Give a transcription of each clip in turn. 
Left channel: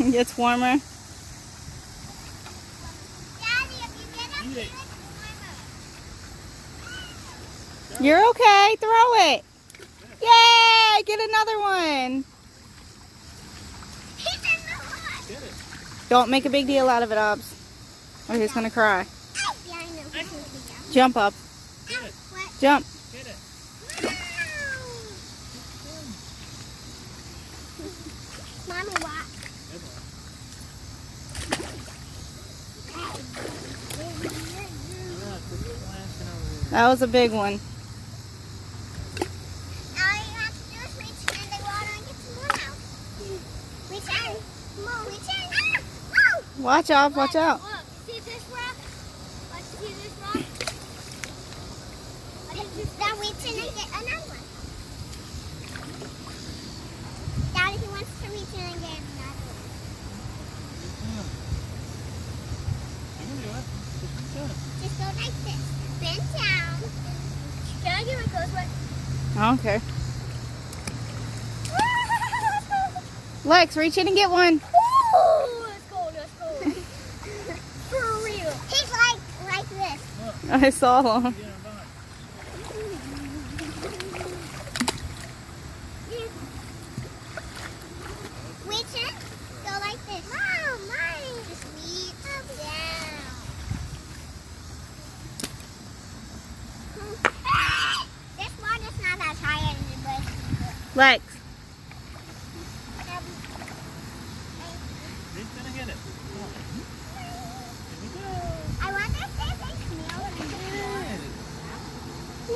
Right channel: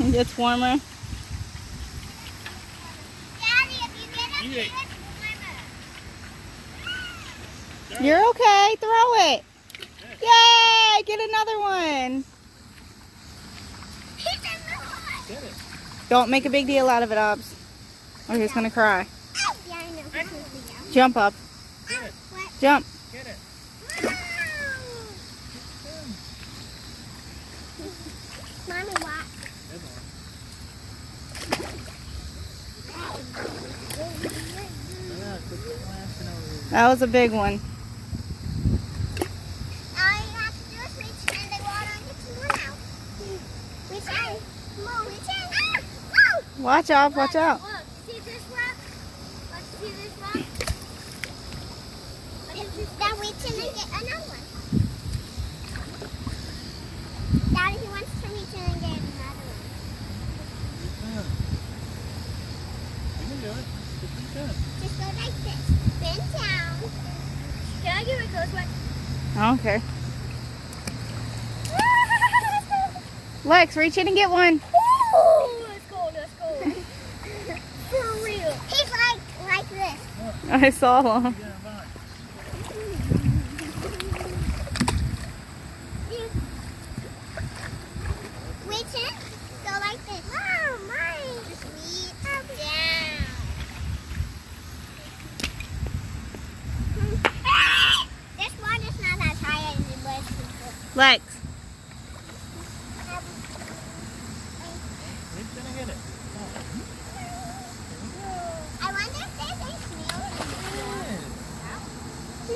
It gets warmer. You're okay. Throw it. Yay! Get another one. Get it. Don't make a big deal out of it, Obs. Or he's gonna cry. Yeah, I know. Jump up. Get it. Jump. Get it. Mommy, what? Good one. Quit splashing over here. That was a big one. All you have to do is reach in the water and get some more out. Reach in. Reach in. Woo! Watch out, watch out. Look, see this rock? Look, see this rock? Now reach in and get another one. Daddy, he wants to reach in and get another one. You can do it. Just reach in. Just go like this. Bend down. Can I give it those ones? Okay. Lex, reach in and get one. Let's go, let's go. For real. He's like this. I saw him. Get in a box. Reach in, go like this. Wow, mine. Just reach down. This water's not as high as it was before. Lex. Reach in and get it. Come on. Here we go. I wonder if there's any snails.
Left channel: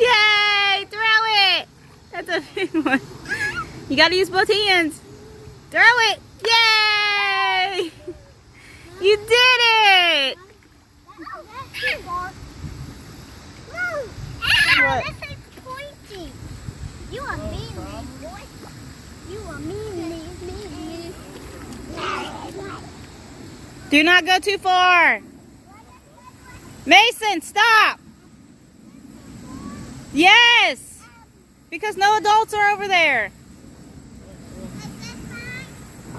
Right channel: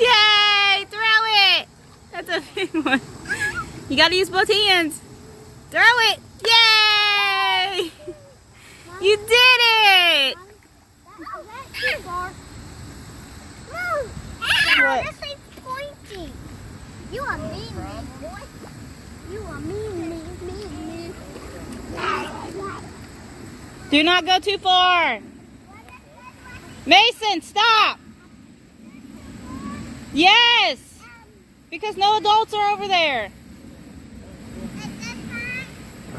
Yay! Throw it. That's a big one. You gotta use both hands. Throw it. Yay! You did it. What? This thing's pointy. You are mean, boy. You are mean. Do not go too far. Mason, stop. Yes. Because no adults are over there.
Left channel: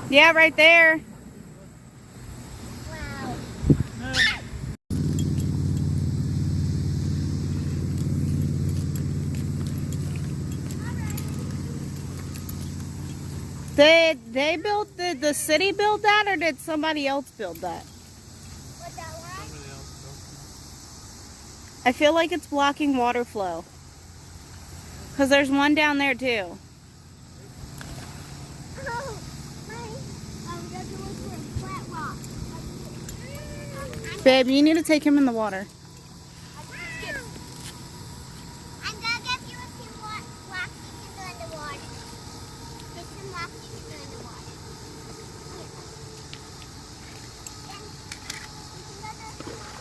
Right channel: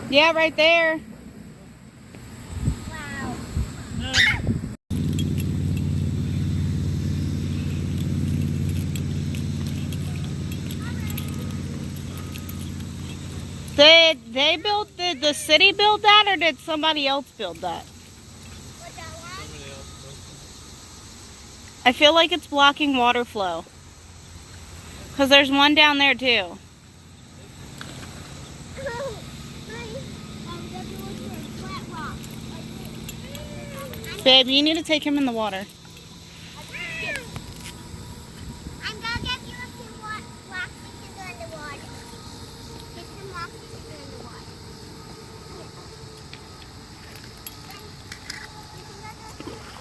Yeah, right there. Wow. No. Did they build, did the city build that or did somebody else build that? I feel like it's blocking water flow. Because there's one down there too. Babe, you need to take him in the water. I'm gonna get you a few rocks you can go in the water. Get some rocks you can go in the water. You can go to the water.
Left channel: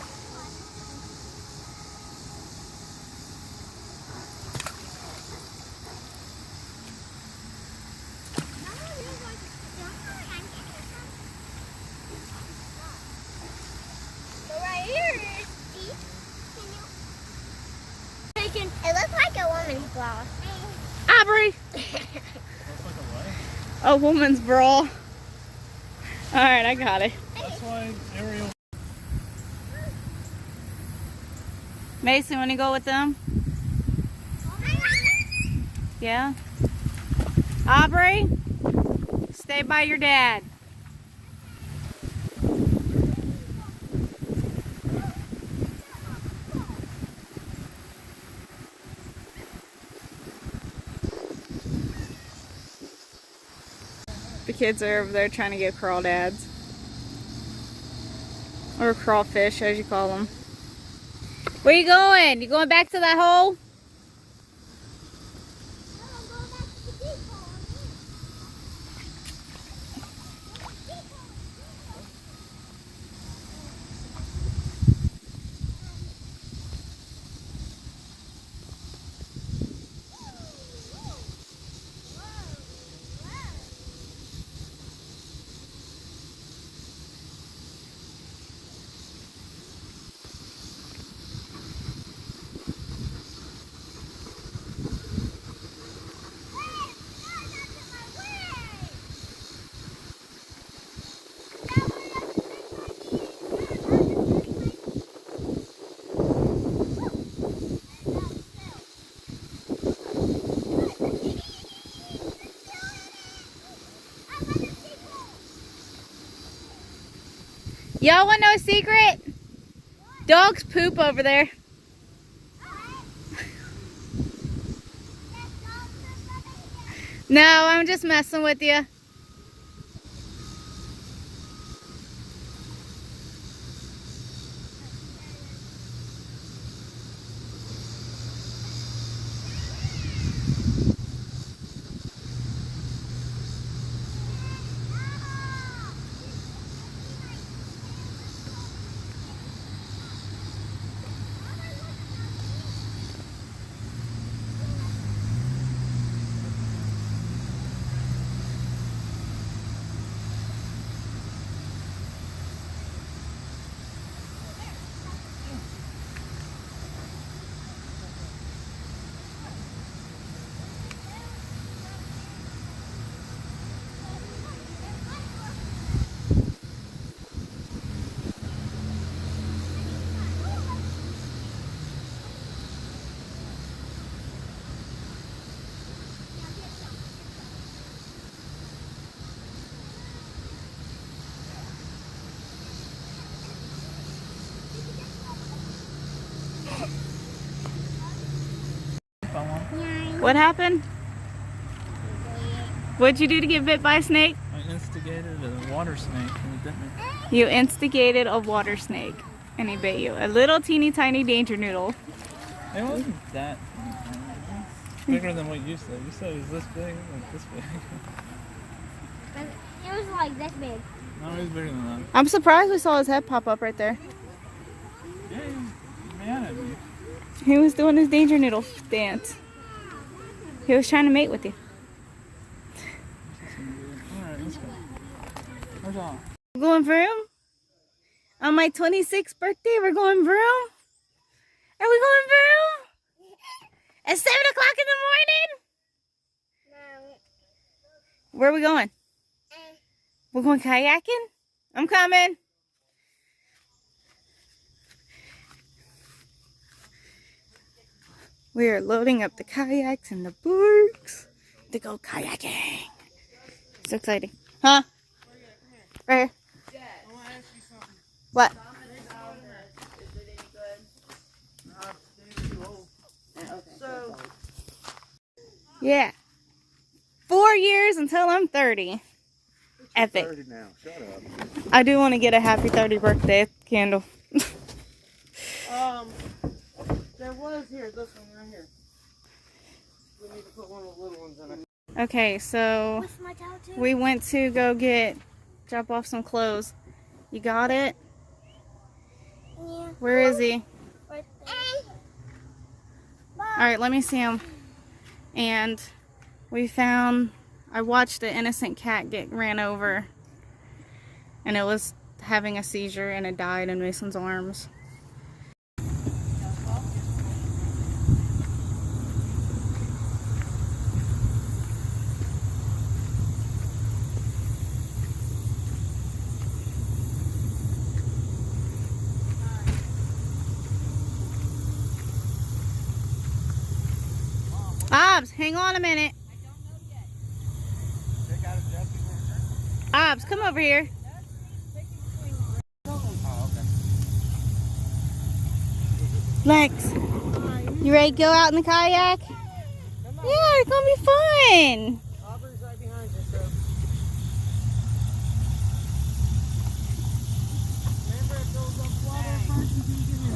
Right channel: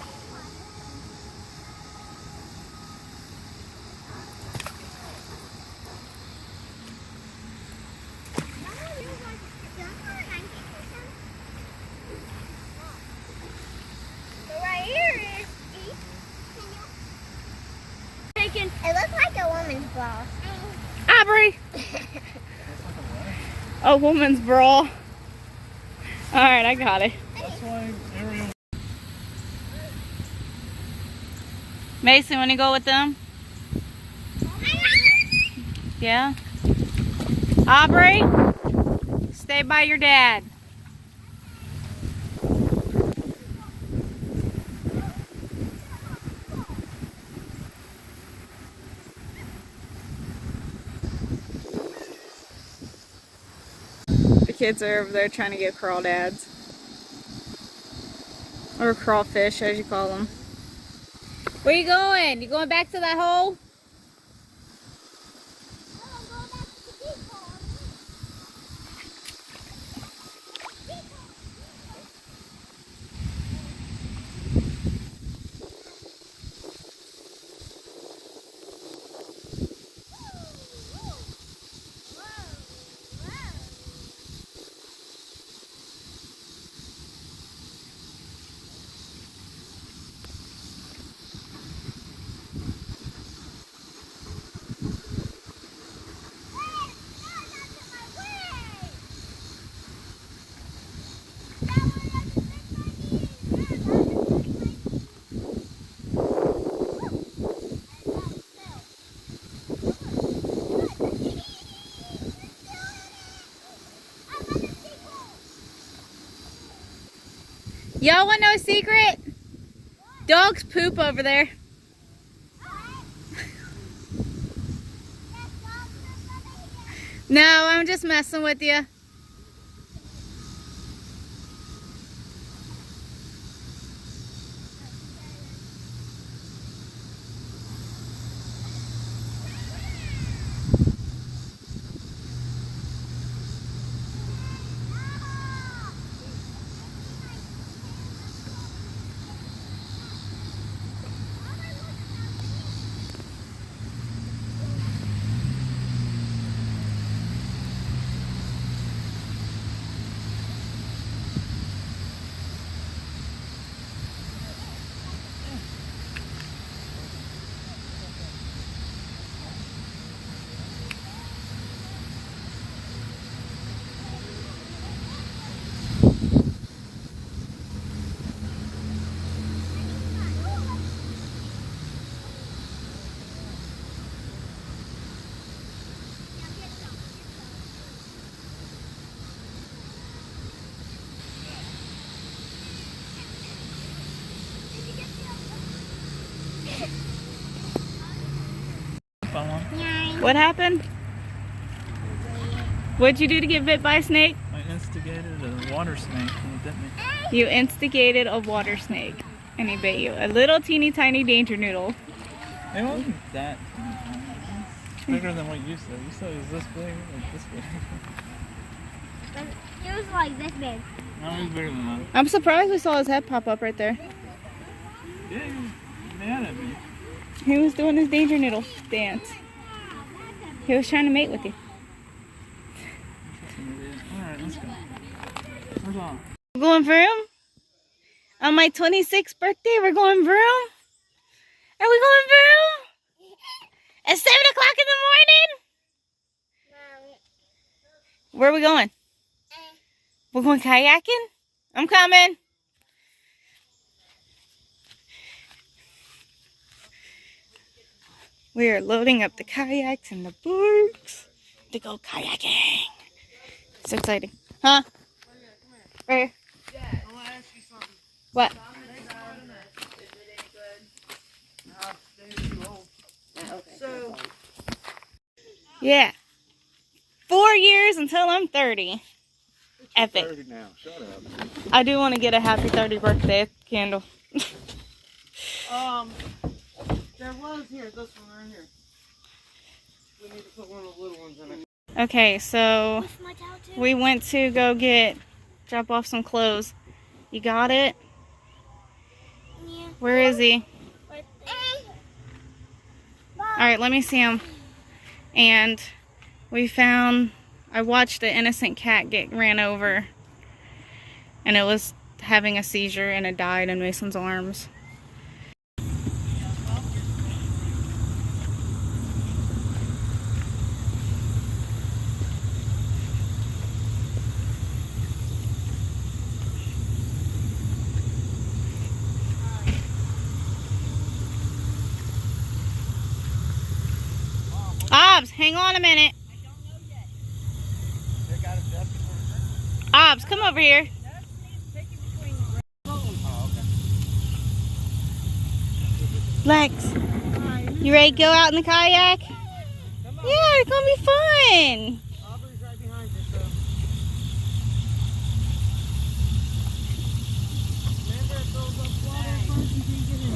Mama, you're going to sit down and get some. So right here is deep. Can you? It looks like a woman's bra. Aubrey! Looks like a what? A woman's bra. Alright, I got it. That's why Ariel. Mason, want to go with them? Yeah? Aubrey? Stay by your dad. The kids are over there trying to get crawdads. Or crawfish, as you call them. Where you going? You going back to that hole? Y'all want to know a secret? Dogs poop over there. No, I'm just messing with you. What happened? What'd you do to get bit by a snake? I instigated a water snake and it bit me. You instigated a water snake and he bit you. A little teeny tiny danger noodle. It wasn't that it's bigger than what you said. You said it was this big, like this big. It was like this big. No, it was bigger than that. I'm surprised we saw his head pop up right there. Yeah, he was mad at me. He was doing his danger noodle dance. He was trying to mate with you. Alright, let's go. Where's on? We're going vroom? On my 26th birthday, we're going vroom? Are we going vroom? At 7 o'clock in the morning? No. Where are we going? We're going kayaking? I'm coming. We are loading up the kayaks and the boats to go kayaking. So exciting. Huh? Right here. What? Yeah. 4 years until I'm 30. Epic. 30 now. Shut up. I do want to get a happy 30 birthday candle. There was here, this one right here. We need to put one of the little ones in it. Okay, so What's my towel too? we went to go drop off some clothes. You got it? Yeah. Where is he? Right there. Alright, let me see him. And I watched an innocent cat get ran over. And it was having a seizure and it died in Mason's arms. Obs, hang on a minute. Obs, come over here. Lex, you ready to go out in the kayak? Yeah, it's gonna be fun. Aubrey's right behind you, so. Remember, it goes up water first and then get in.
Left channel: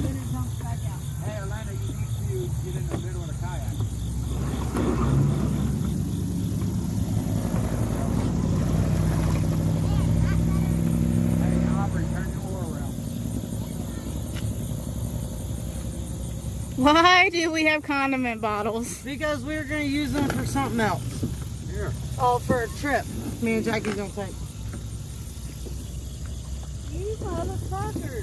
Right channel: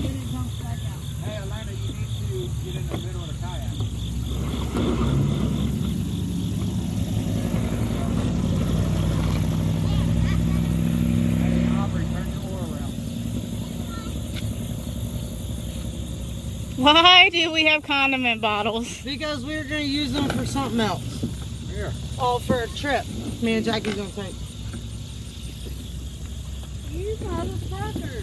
Then it jumps back out. Hey, Elena, you need to get in the middle of the kayak. Hey, Aubrey, turn your oar around. Why do we have condiment bottles? Because we're going to use them for something else. Here. Oh, for a trip. Me and Jackie's going to take. You got a packer.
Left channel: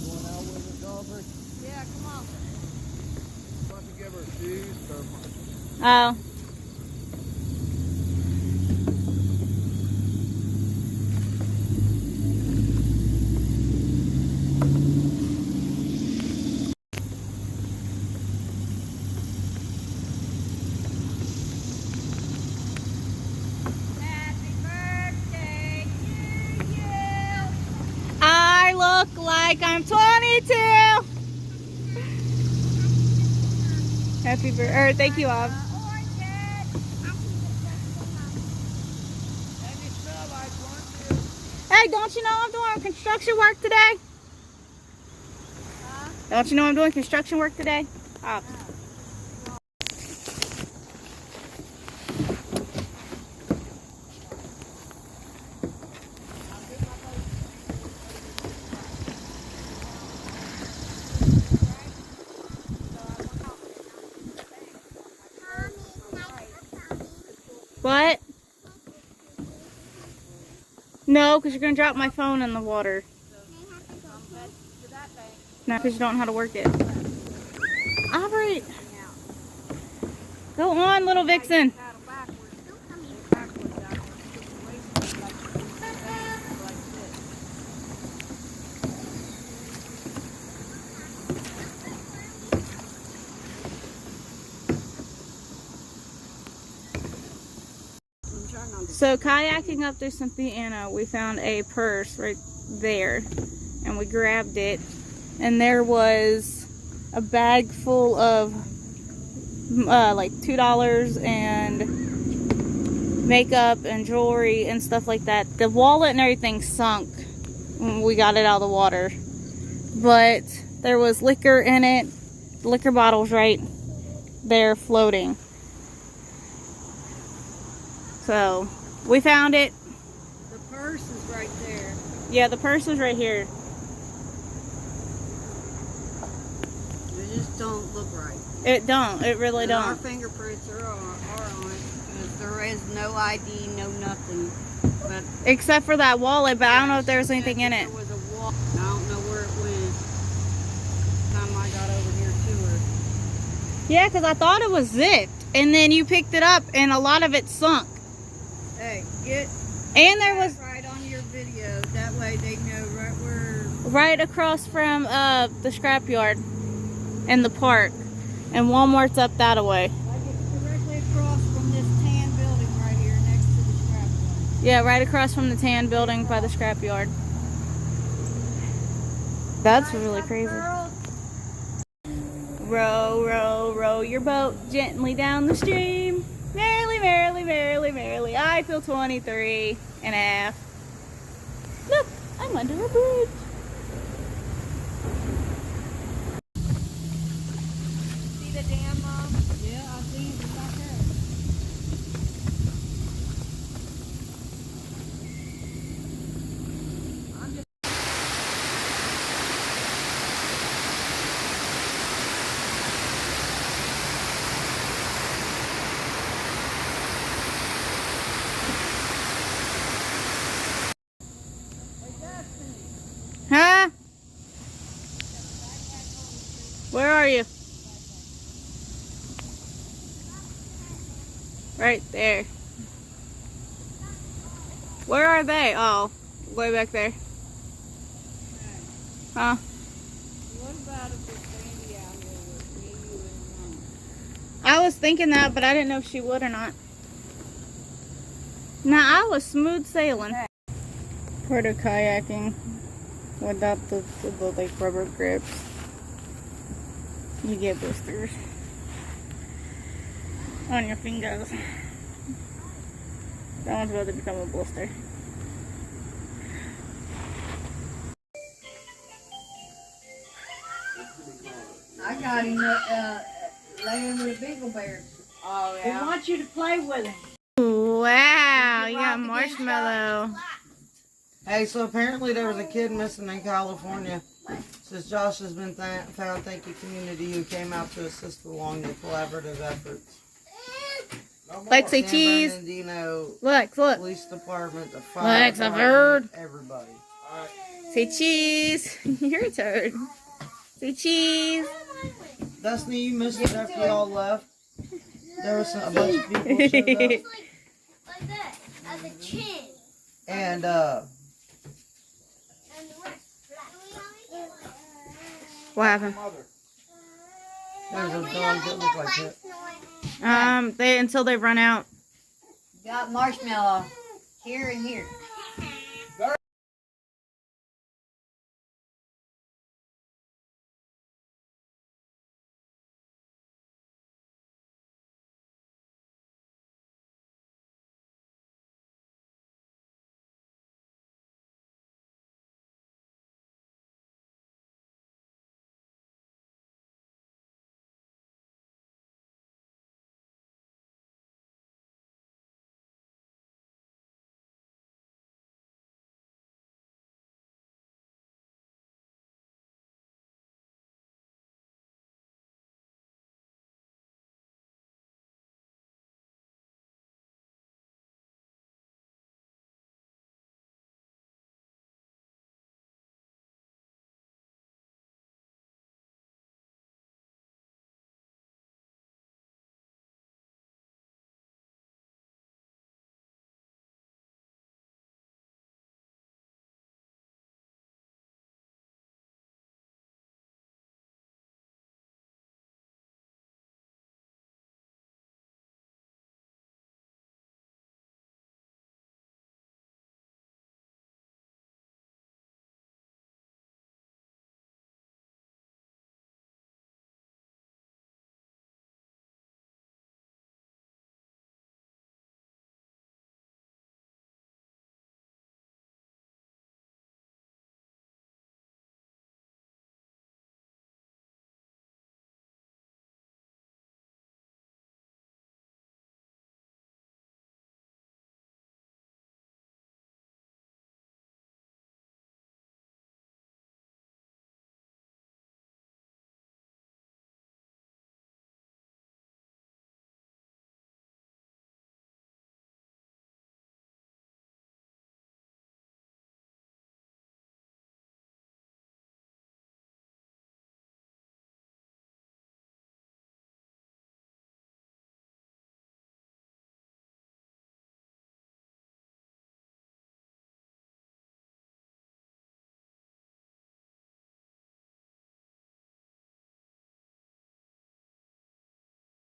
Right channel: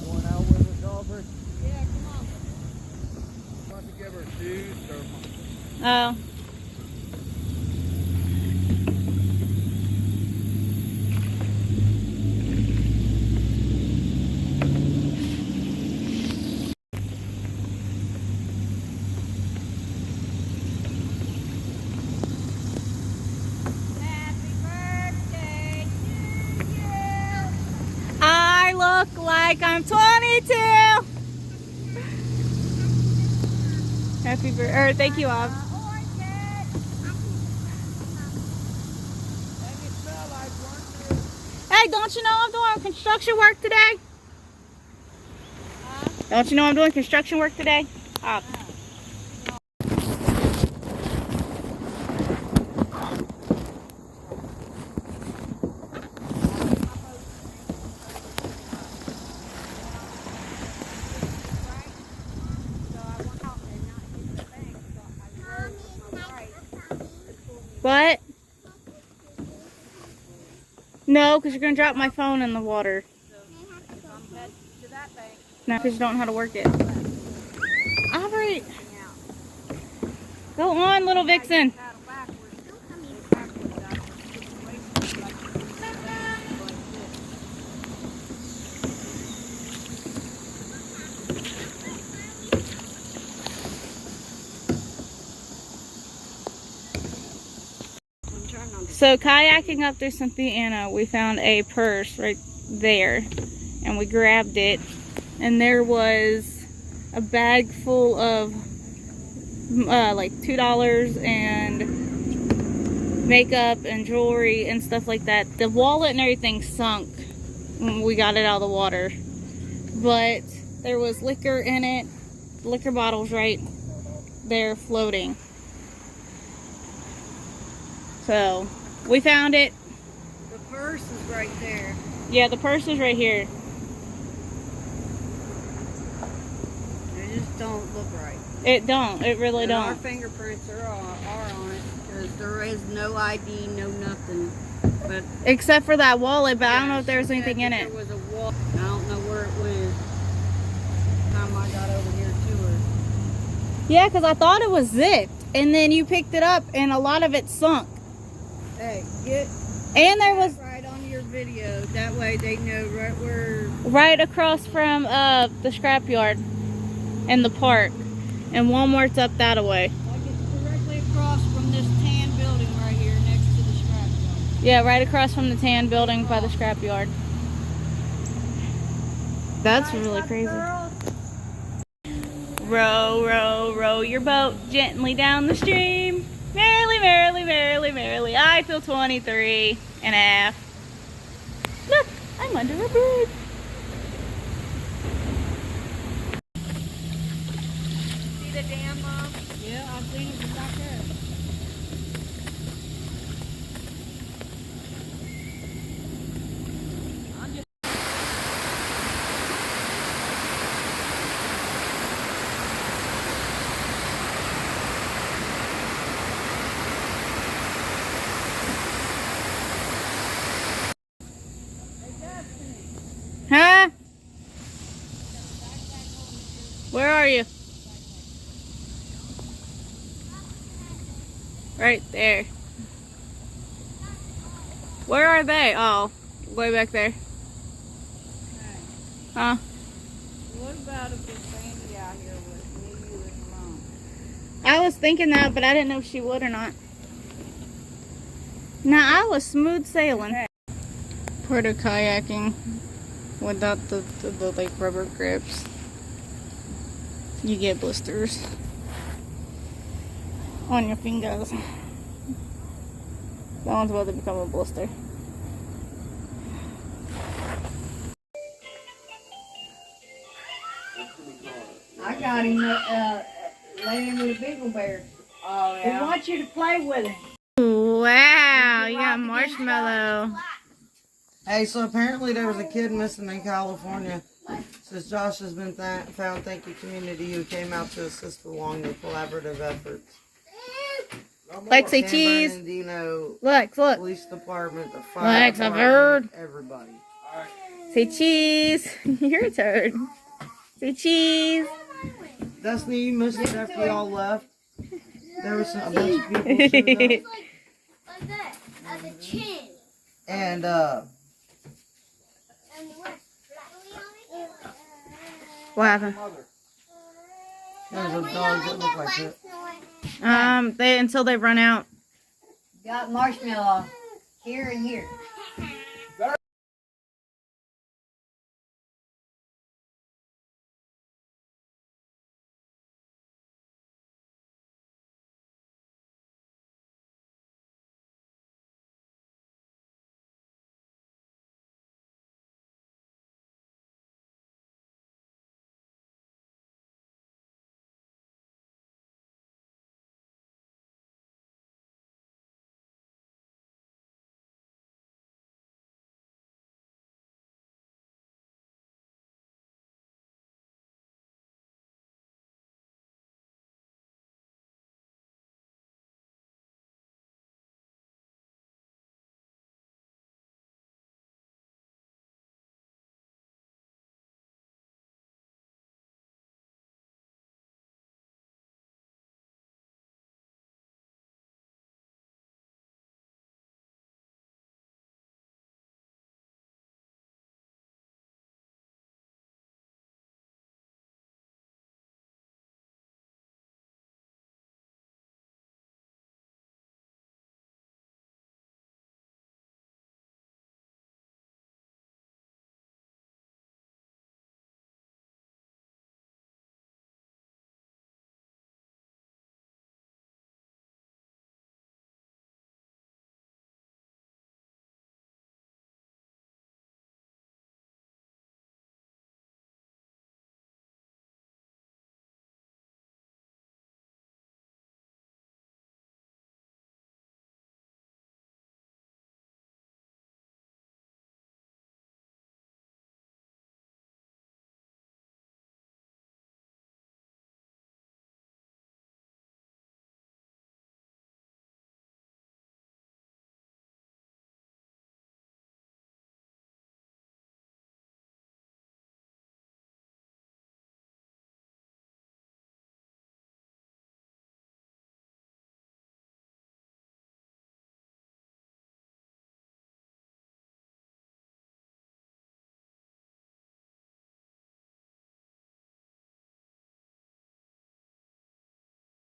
Going out with us, Aubrey? Yeah, come on. Why don't you give her shoes or... Oh. look like I'm 22. Happy birthday. Thank you, Ob. Hey, don't you know I'm doing construction work today? Don't you know I'm doing construction work today? Ob. What? No, because you're going to drop my phone in the water. No, because you don't know how to work it. Aubrey! Go on, little vixen. So kayaking up through Cynthiana, we found a purse right there, and we grabbed it, and there was a bag full of like $2 and makeup and jewelry and stuff like that. The wallet and everything sunk when we got it out of the water, but there was liquor in it, liquor bottles right there floating. So we found it. The purse is right there. Yeah, the purse is right here. They just don't look right. It don't. It really And our don't. fingerprints are on it because there is no ID, no nothing. But Except for that wallet, but I don't know if there was anything in it. There was a wallet. I don't know where it went. Time I got over here to her. Yeah, because I thought it was zipped, and then you picked it up, and a lot of it sunk. Hey, get And there was right on your video. That way they know right where. right across from the scrapyard and the park, and Walmart's up that way. Like it's directly across from this tan building right here next to the scrapyard. Yeah, right across from the tan building by the scrapyard. That's really crazy. Row, row, row your boat gently down the stream. Merrily, merrily, merrily, merrily. I feel 23 and a half. Look, I'm under a bridge. See the dam, Mom? Yeah, I've seen it from back there. Huh? Where are you? Right there. Where are they? Oh, way back there. Huh? What about if there's Sandy out here with me, you, and Mom? I was thinking that, but I didn't know if she would or not. Nah, I was smooth sailing. Part of kayaking without the like rubber grips. You get blisters on your fingers. That one's about to become a blister. I got him laying with a beagle bear. Oh, yeah. He wants you to play with him. Wow, you got marshmallow. Hey, so apparently there was a kid missing in California. Since Josh has been found, thank you community who came out to assist along the collaborative efforts. Lex, say San cheese. Bernardino Look, look. Police Department, the fire Lex, I've department, heard. everybody. Say cheese. You're a turd. Say cheese. Destiny, you missed it after y'all left. There was a bunch of people showed up. Like that, at the chin. And, And what's What happened? there was a dog that looked like it. Until they run out. Got marshmallow here and here.